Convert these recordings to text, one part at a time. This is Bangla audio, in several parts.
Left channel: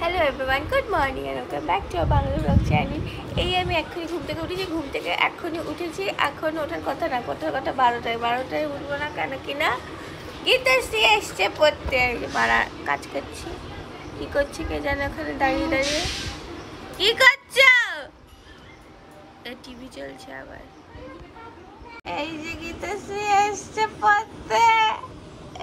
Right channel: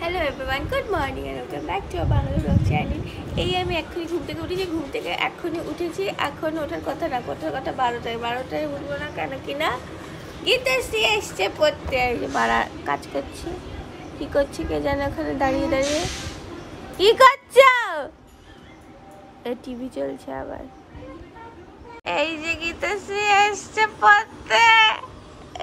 Hello everyone, good morning and welcome back to our Bangla blog channel. এই আমি এক্ষুনি ঘুম থেকে এক্ষুনি উঠেছি। এখন ওঠার কথা না, কোথাও কথা 12টায় উঠবো না, কেন কিনা গীতাশ্রী এসছে পড়তে। বাড়া কাজ করছি, কি করছি কে জানে, ওখানে দাঁড়িয়ে দাঁড়িয়ে কি করছো? এ টিভি চলছে আবার। এই যে গীতাশ্রী এসছে পড়তে,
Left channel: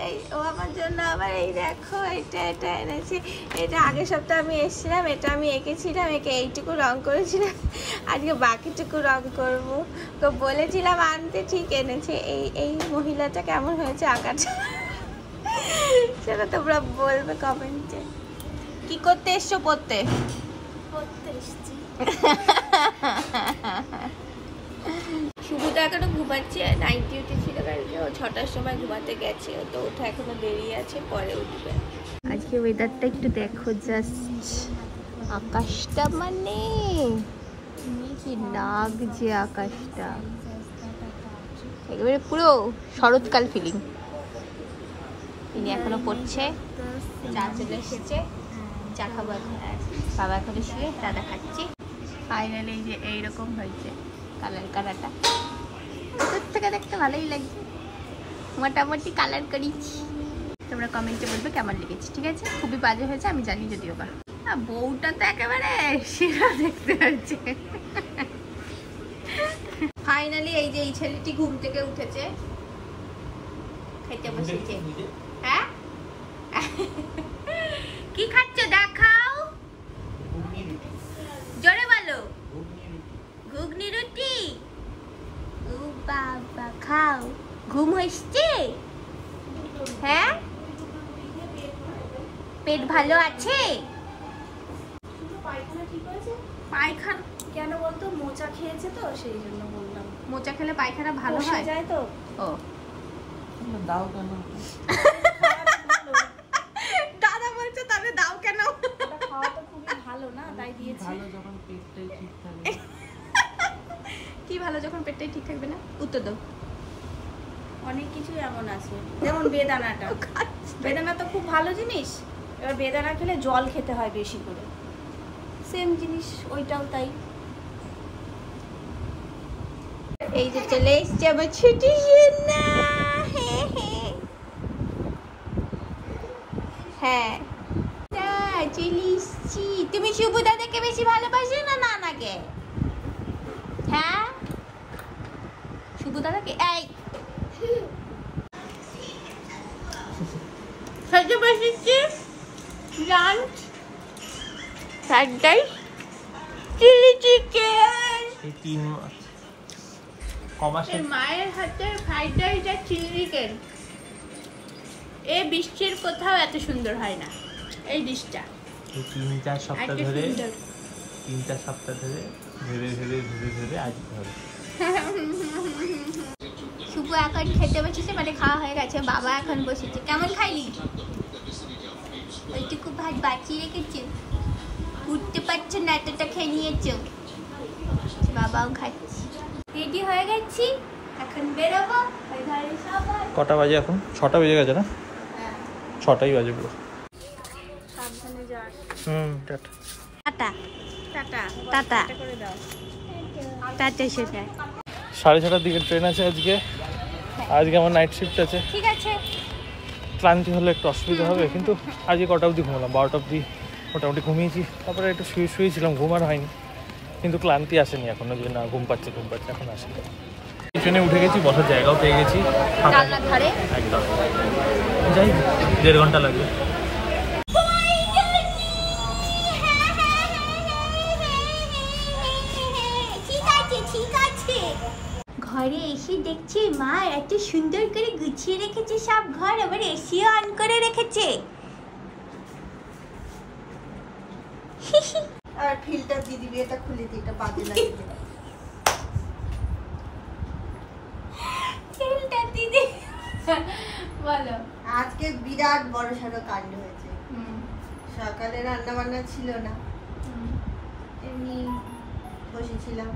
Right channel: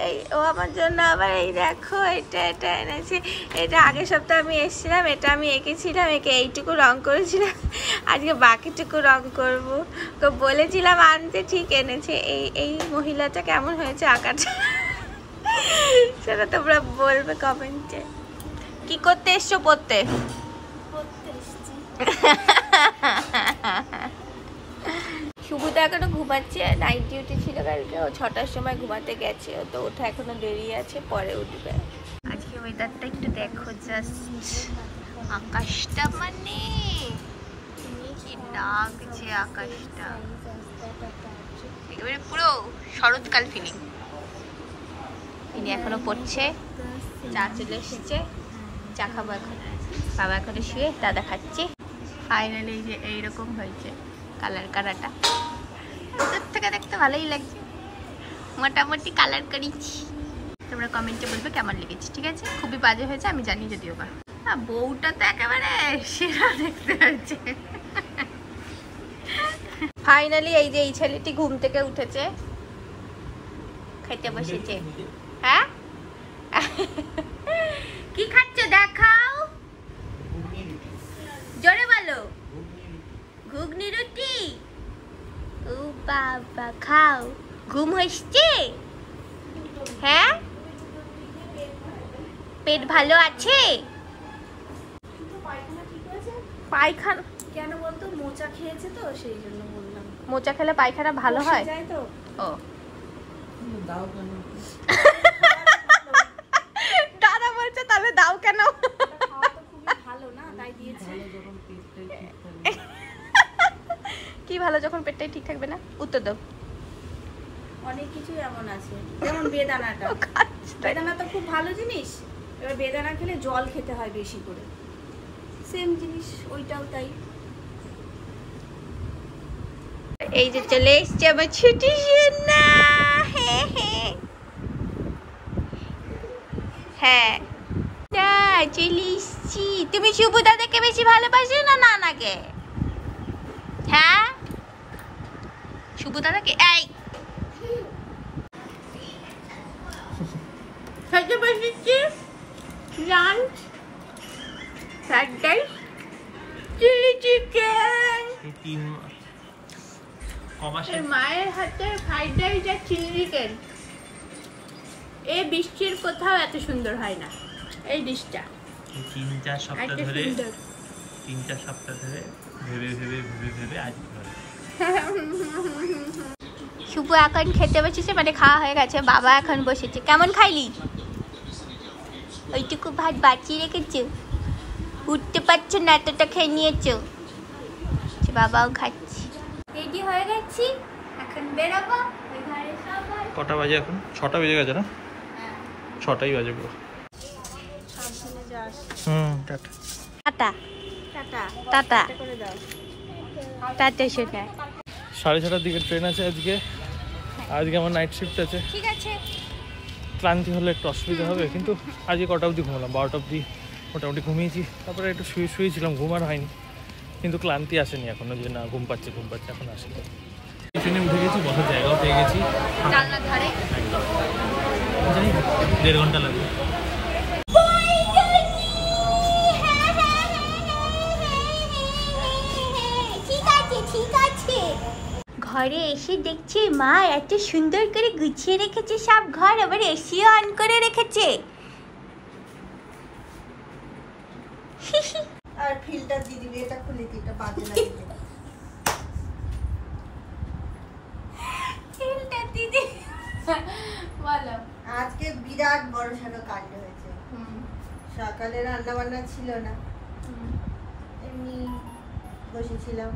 এই ও আমার জন্য আবার এই দেখো এটা এনেছি। এটা আগের সপ্তাহে আমি এসেছিলাম, এটা আমি এঁকেছিলাম, একে এইটুকু রং করেছিলাম, আজকে বাকিটুকু রং করব। তো বলেছিলাম আনতে, ঠিক এনেছে। এই মহিলাটা কেমন হয়েছে আঁকাটা সেটা তোমরা বলবে কমেন্টে। কি করতে এসছো? পড়তে এসছি। শুভদা এখনো ঘুমাচ্ছে, নাইট ডিউটি ছিল কালকে, ও 6টার সময় ঘুমাতে গেছে, তো ওঠা এখনো দেরি আছে, পরে উঠবে। আজকে ওয়েদারটা একটু দেখো, জাস্ট আকাশটা মানে কি লাগছে, আকাশটা একেবারে পুরো শরৎকাল ফিলিং। ইনি এখনো পড়ছে, চা চলে এসেছে, চা খাবো এখন। বাবা এখনো শুয়ে, দাদা খাচ্ছে। ফাইনালি এই যে এইরকম হয়েছে কালার কারাটা, ভিতর থেকে দেখতে ভালোই লাগছে, মোটামুটি কালার করেছি। তোমরা কমেন্টে বলবে কেমন লেগেছে, ঠিক আছে? খুবই বাজে হয়েছে আমি জানি, যদিও বা বউটা তো একেবারে সেরা দেখতে হয়েছে। ফাইনালি এই যে এই ছেলেটি ঘুম থেকে উঠেছে, খাইতে বসেছে। হ্যাঁ কি খাচ্ছ দেখাও, জোরে বলো। ঘুগনি রুটি, ও বাবা খাও। ঘুম হচ্ছে? হ্যাঁ, পেট ভালো আছে? পায়খানা কেন বলতো? মোচা খেয়েছে তো, সেই জন্য বললাম। মোচা খেলে পায়খানা ভালো হয় যায় তো। ও দাও কেন? দাদা বলছে তবে দাও কেন? খাওয়া তো খুবই ভালো না, তাই দিয়েছি। ভালো যখন পেটটাই ঠিক থাকবে। কি ভালো যখন পেটটাই ঠিক থাকবে না? উত্তর দাও। অনেক কিছু এমন আছে, যেমন বেদানাটা। বেদানা তো খুব ভালো জিনিস। এবার বেদানা খেলে জল খেতে হয় বেশি করে, সেম জিনিস ওইটাও তাই। এই যে চলে এসছে আমার ছুটি সোনা। হ্যাঁ চলে এসছি। তুমি শুভ দাদাকে বেশি ভালোবাসো না নানাকে? হ্যাঁ শুভ দাদাকে। এই খেতে বসেছি lunch, fried rice, chilli chicken. এই 3 মাস কমাসে মায়ের হাতে ফ্রাইড রাইস আর চিলি চিকেন, এই বৃষ্টির কোথাও এত সুন্দর হয় না। এই ডিশটা এই 3-4 সপ্তাহ ধরে 3-4 সপ্তাহ ধরে ভেবে আজ ধরে শুভ এখন খেতে বসেছে, মানে খাওয়া হয়ে গেছে। বাবা এখন বসেছে। কেমন খাইলি? ওইটুকু ভাত বাঁচিয়ে রেখেছো, উঠতে পারছো না, এতটা খেয়ে নিয়েছো। বাবাও খাচ্ছে। রেডি হয়ে গেছি, এখন বেরোবো। কটা বাজে এখন? 6টা বেজে গেছে না? 6টাই বাজে পুরো। সাবধানে যাস। টাটা টাটা টাটা টাটা করে দাও। টাটা সোনা। 6:30টার দিকে ট্রেন আছে আজকে। আজকে আমার নাইট শিফট আছে। ঠিক আছে, ক্লান্তি হলে একটু অসুবিধা হবে, কিন্তু আজকে কটা অবধি ঘুমালাম? 12টা অবধি মোটামুটি ঘুমিয়েছি। তারপরে একটু শুয়েছিলাম, ঘুম আর হয়নি, কিন্তু ক্লান্তি আসেনি এখনো যে না ঘুম পাচ্ছে এখন আসেনি। ট্রেনে উঠে গেছি, বসার জায়গাও পেয়ে গেছি জানলার ধারে। একদম। যাই 1.5 ঘন্টা লাগবে। ঘরে এসে দেখছি মা এত সুন্দর করে গুছিয়ে রেখেছে সব ঘর, আবার এসিও অন করে রেখেছে। আর ফিল্টার দিয়ে দিবি, এটা খুলে দি, এটা বাজে লাগে। ফিল্টার দিদি বলো। আজকে বিরাট বড়সড় কাণ্ড হয়েছে। সকালে রান্না বান্না ছিল না, এমনি বসেছিলাম।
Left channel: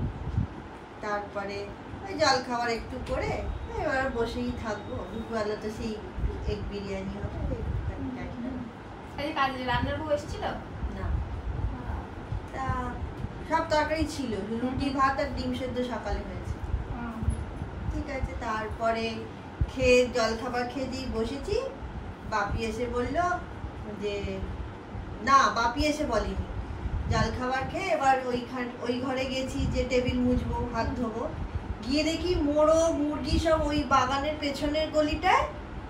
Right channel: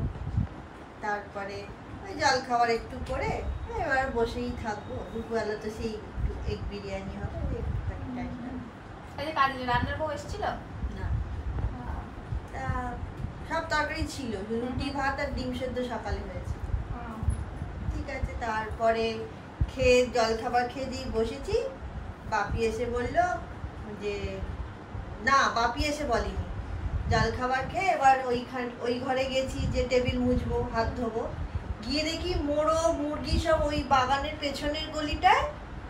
তারপরে ওই জল খাবার একটু করে এবার বসেই থাকবো। দুপুরবেলা তো সেই এগ বিরিয়ানি হবে। রান্নার বউ এসেছিল? না, তরকারি ছিল, রুটি ভাত আর ডিম সেদ্ধ সকালে হয়েছে। ঠিক আছে, তারপরে খেয়ে জলখাবার খেয়ে দিয়ে বসেছি। বাপি এসে বললো যে না, বাপি এসে বলেনি, জলখাবার খেয়ে এবার ওই ঘরে গেছি যে টেবিল মুছবো, হাত ধোবো, গিয়ে দেখি মোরগ মুরগি সব ওই বাগানের পেছনের গলিটায়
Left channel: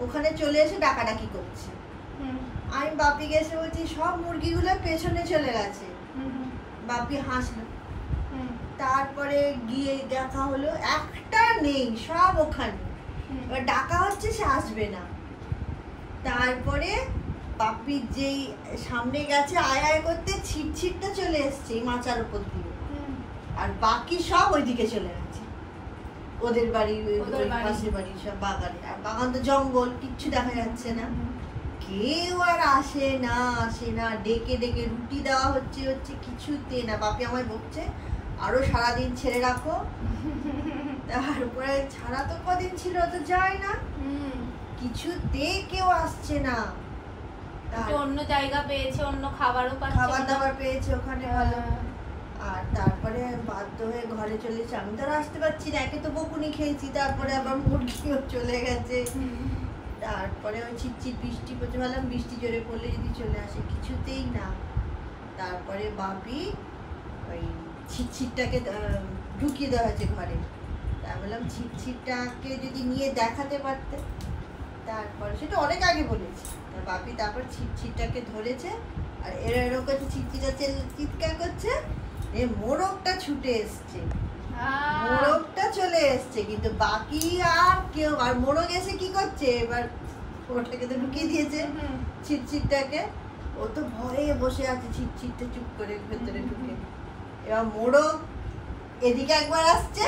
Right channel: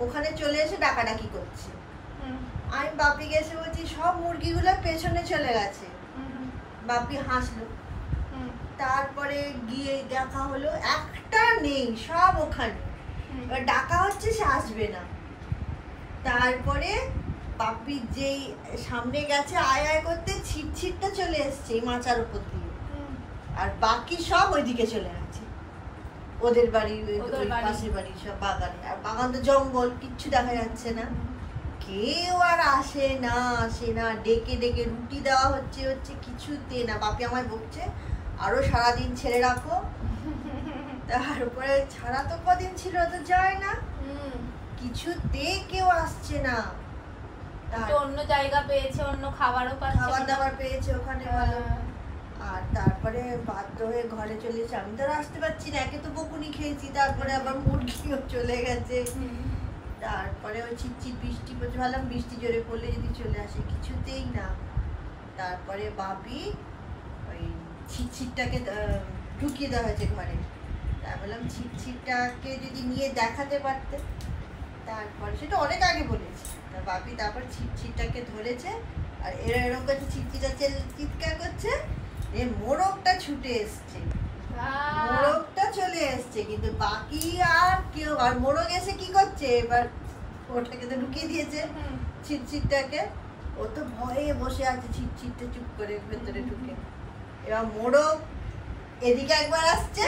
ওখানে চলে এসে ডাকাডাকি করছে। আমি বাপি গেছে বলছি সব মুরগিগুলো পেছনে চলে গেছে। বাপি হাসলো। তারপরে গিয়ে দেখা হলো একটা নেই, সব ওখানে। এবার ডাকা হচ্ছে, সে আসবে না। তারপরে বাপি যেই সামনে গেছে আয় আয় করতে, ছিটছিটটা চলে এসছে মাচার উপর দিয়ে, আর বাকি সব ওইদিকে চলে গেছে ওদের বাড়ির ওই পাশের বাড়ির সব বাগানে। আর বাগান তো জঙ্গল, কিচ্ছু দেখা যাচ্ছে না। কেউ আর আসে না ডেকে ডেকে রুটি দেওয়া হচ্ছে কিছুতে না। বাপি আমায় বলছে আরো সারাদিন ছেড়ে রাখো। তারপরে ছাড়া তো কদিন ছিল, তো যায় না, কিছুতে কেউ আসছে না। অন্য জায়গা পেয়েছে, অন্য খাবারও পাচ্ছে, খাবার দাবার পেয়েছে ওখানে ভালো। আর তারপরে বাধ্য হয়ে ঘরে চলে এসে, আমি তো আর আসতে পারছি না, একে তো বকুনি খেয়েছি, তারপরে আবার মুরগিও চলে গেছে। তারপরে ওই ছিটছিট বৃষ্টি পড়ছে, ভাবলাম বৃষ্টি জোরে পড়লে যদি চলে আসে, কিছুতেই না। তারপরে বাপি ওই ছিটছিটটাকে ঢুকিয়ে দেওয়া হয়েছে ঘরে। তা বললাম ছিটছিটটাকে যদি নিয়ে দেখাতে পারতে। তারপরে সেটা অনেক আগে বলেছি। তা বাপি তারপর ছিটছিটটাকে ধরেছে, আর এরকম করছে, ছিটছিটা চিৎকার করছে, মোরগটা ছুটে এসছে, মোরগটা চলে এসছে। কিন্তু বাকি আর কেউ, আর মোরগ এসে কি করছে, এবার ওটাকে তো ঢুকিয়ে দিয়েছে ছিটছিটটাকে, ও তো ভয়ে বসে আছে ছিটছিটটা চুপ করে ভেতরে ঢুকে। এবার মোরগ এদিকে একবার আসছে,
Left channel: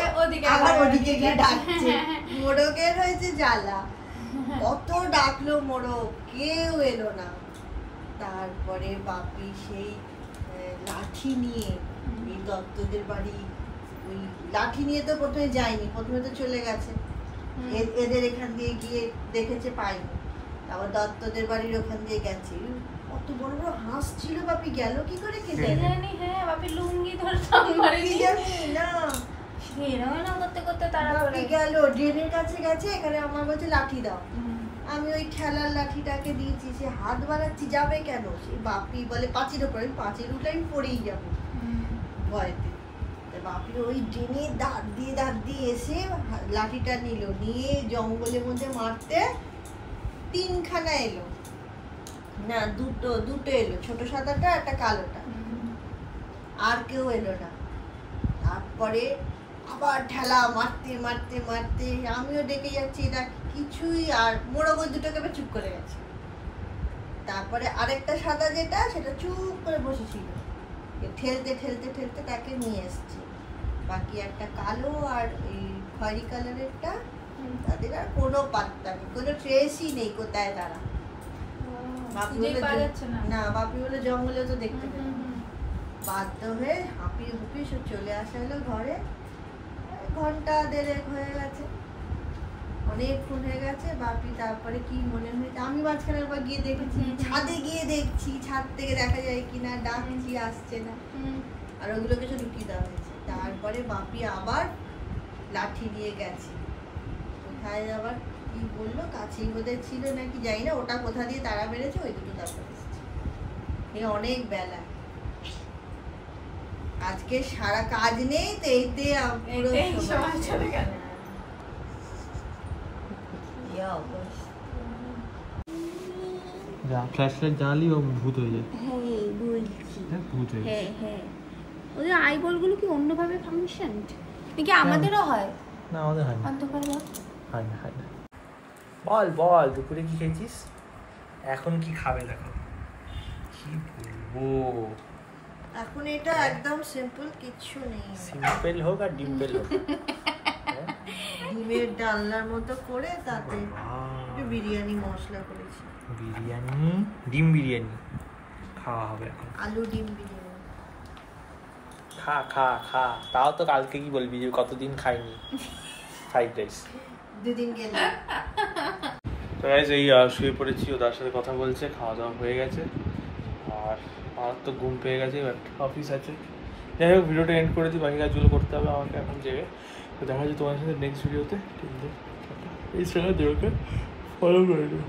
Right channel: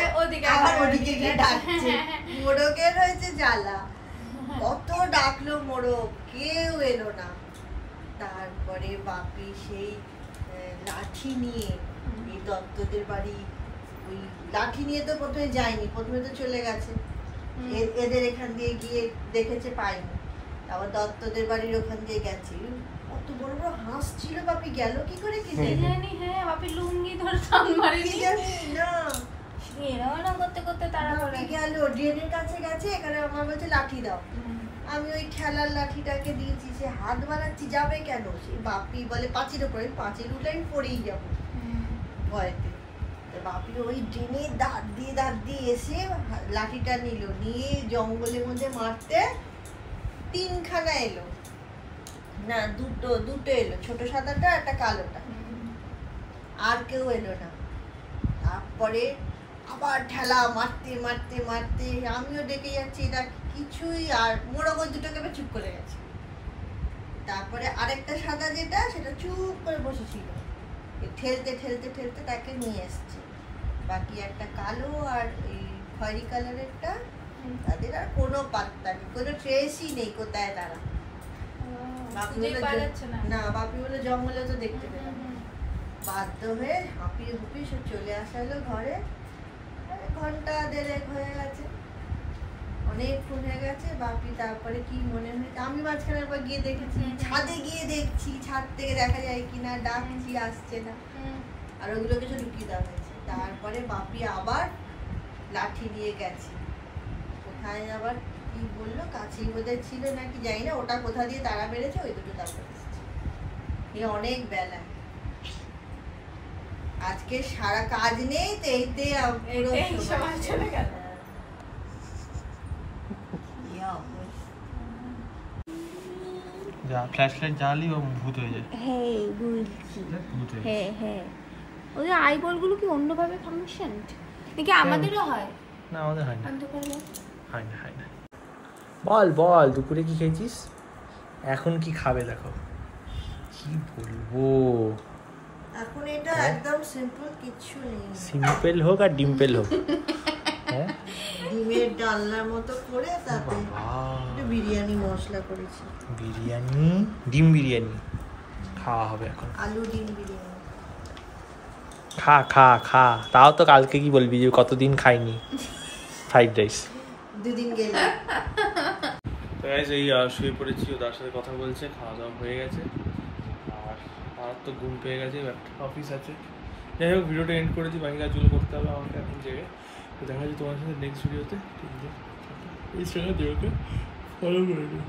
আবার ওদিকে গিয়ে ডাকছে। মোরগের হয়েছে জ্বালা, কত ডাকলো মোরগ, কেউ এলো না। তারপরে বাপি সেই লাঠি নিয়ে এই দত্তদের বাড়ি, ওই লাঠি নিয়ে তো প্রথমে যায়নি, প্রথমে তো চলে গেছে এদের এখান দিয়ে গিয়ে দেখেছে পায়নি, আবার দত্তদের বাড়ির ওখান দিয়ে গেছে। কত বড় বড় হাঁস ছিল, বাপি গেল কি করে কি জানি। হ্যাঁ, বাপি লুঙ্গি ধরে টান মারেনি না, এরকম করতে করতে তারা গেল ড্রেনের কাছে গেছে, এখানে আমার বলছে লাঠি দাও। আমি ওই খেলার লাঠিটাকে দিয়েছি, সে হাত বাড়াচ্ছি, যাবে কেন? সে বাপি বলে পাঁচির ওপরে, পাঁচির উঠে আমি পড়েই যাবো ভয়তে। বাপি ওই ড্রেনে দাঁত দিয়ে এসে লাঠিটা নিল, নিয়ে জঙ্গলের মধ্যে মারতে 3খানা এলো, না দুটো এলো, ছোট সাদাটা একটা কালোটা, আর কেউ এলো না। তারপরে আবার ঠেলা মারতে মারতে মারতে আমিও ডেকে যাচ্ছি, এটা কিছুই, আর মোরগ ওই দুটোকে চুপ করে গেছে। তারপরে আরেকটা সাদা যেটা, সেটা চুপ করে বসেছিল, ঠেলতে ঠেলতে ঠেলতে তাকে নিয়ে এসছে। বাকি একটা কালো আর এই খয়েরি কালারেরটা, তাদের আর কোনো পাত্তা নেই, কোনো ট্রেসই নেই কোথায় তারা। না, বাপি বলে জঙ্গলে তো দেখতে পেলাম। বাধ্য হয়ে হাঁপিয়ে হুপিয়ে সব চলে আসা হলো ঘরে। ঘন্টা দেড়েক হয়ে গেছে, অনেকক্ষণ হয়ে গেছে। বাপি তারপরে কি মনে হয়েছে, আমি মাঝখানে একবার গিয়ে দেখেছি, ছাদে গিয়ে দেখছি ছাদ থেকে দেখা যায় কিনা, ডাকছি আসছে না, আর ওগুলোকে সব ঢুকিয়ে দেওয়া হয়েছে। তারপরে বাপি আবার লাঠি নিয়ে গেছে, কোথায় আবার কি বললো, কাছেই বোধহয় ছিল নাকি জানি না, ওটা কোথা দিয়ে তারা মেরেছে, ওই দুটো তারপর এসেছে। এই অনেক বেলা, আজকে সারা কাজ নেই তো, এইতে সময় চলে গেল। ফ্ল্যাশলাইট জ্বালি ও ভূত হয়ে যায়। ভূত হয়ে যায়। হ্যাঁ, ওই আইবলগুলো কি অন্যভাবে ফাংশন নাকি আমাদেরও হয়? না, আমাদের হয় না, হয় না। বল দুপুরে কি খেয়েছিস, এখন কি খাবে, দেখো কি বলবো এখন। এটা একদম সিম্পল, কিছু নেই, সিম্পল হোক আর ডিম্পল হোক, ডিমের ডালনার মতো করে তাতে বিরিয়ানি মশলা করেছি। ডিম বিরিয়ানি খাওয়া হবে এখন, আলু ডিম বিরিয়ানি। খা তাও তো কালকে কি বলবি যে কতদিন খাইনি ফ্রাইড রাইস, 2 দিন গেল। তো গাইস এই শুয়ে পড়েছি, ওদের সাথে কথা বলছে, খাওয়া দাওয়া হয়ে গেছে, আর আমার তো ঘুম পেয়ে গেছে, অফিস আছে, যাই হোক ভিডিওটা এন্ড করে দিই, বাকি কাজগুলো করতে হবে আমাকে এখন জেগে। তো দেখা যাচ্ছে তোমার সাথে নেক্সট ভিডিওতে। ঠিক আছে, ইনস্টাগ্রামে ফলো করে দিও।